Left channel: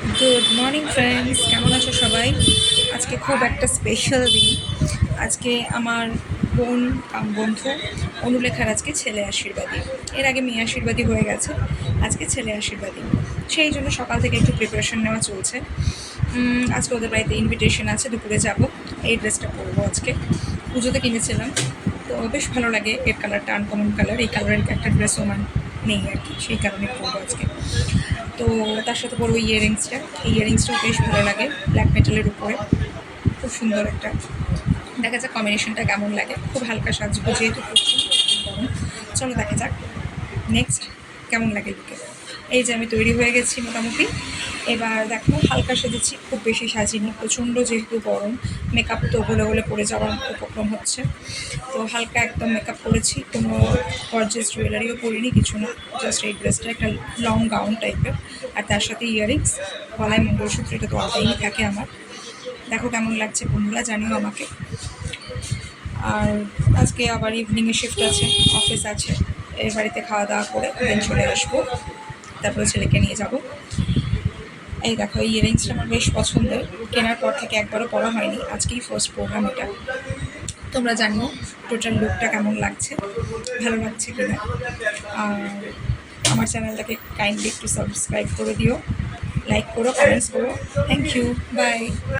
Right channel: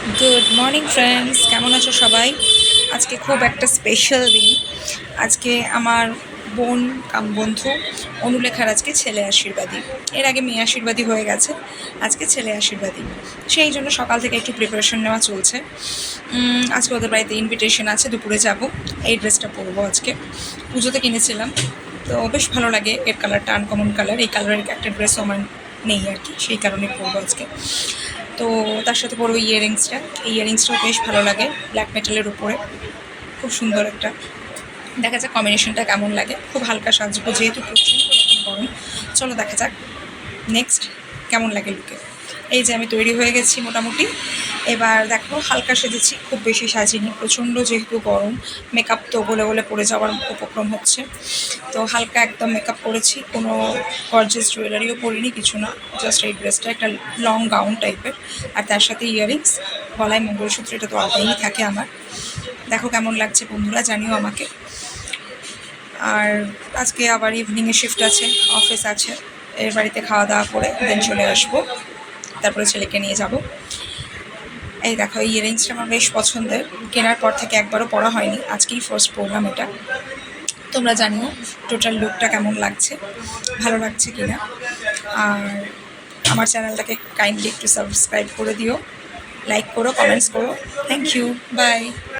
Good morning friends, কেমন আছো সবাই? আজকে খুব একটা স্পেশাল দিন। আজকে আমার বোন বন্ধু অনুলেখার আজকে ছেলে আশীর্বাদী। এর আগে মেয়ে আশীর্বাদী হয়ে গেছে, আজকে ছেলে আশীর্বাদী। সেই জন্য সকাল থেকে একটু প্রিপারেশন নেওয়া চলছে। আজকে ওদের বাড়িতে ইনভিটেশন আছে, দুপুরে যাব। এই ড্রেসটা পরবো আজকে, পুজোতে কিনেছিলাম, তো বেশ ভালো লাগে। এর কালারটা আনকমন কালার, এই কালারের একটা ড্রেসও আমার নেই আর কি, সেই কারণে পরবো আজকে। তো তার সাথে পরবো ইয়াররিংসটা। এই ইয়াররিংসটাও বেশ ভালো লাগে, ব্ল্যাক মেটালের উপরে, খুব সুন্দর একটা। দেখা যাক কম্বিনেশনটা কেমন লাগে। খুব হালকা সাজবো যেহেতু প্রচণ্ড গরম। চলো দেখা যাক নেক্সট কেমন লাগে লুকে। এই যে আমি তৈরি হয়ে গেছি মোটামুটি। এবার দেখো হালকা সেজেছি, খুব বেশি সাজিনি, প্রচণ্ড যেহেতু গরম। মেকআপ তো গলে গলে পড়ে যাওয়ার উপক্রম হচ্ছে, তো হালকা একদম মেকআপ করেছি। কোনো গর্জিয়াস জুয়েলারিও পরিনি, কিছু না। জাস্ট এই ড্রেসটা একটা লং গাউন টাইপের, আর তার সাথে ইয়াররিংস, গলায় মঙ্গলসূত্র, এটা তো আলাদাই থাকে আমার। দেখো কেমন লাগছে বন্ধুরা, জানিও আমাকে। আর আজকে আবার ইভিনিংয়ে শিফট আছে, অফিস আছে। এর বাড়িতে খাওয়া দাওয়া করে দেন চলে আসবো, তারপরে ছেলেকে নিয়ে যাব। এই দেখো এই ইয়াররিংসটা আমার বেশ পছন্দের, কেনার পর থেকে একবারও পরা হয়নি, আজকেই ফার্স্ট পরলাম এটা। তোমরা জানিও টোটাল লুকটা কেমন লাগছে, ভালো লাগছে কিনা। আর আমার চ্যানেলটাকে কাইন্ডলি একটু সাবস্ক্রাইব করে দিও, লাইক করো, কমেন্টস করো। Thank you, by.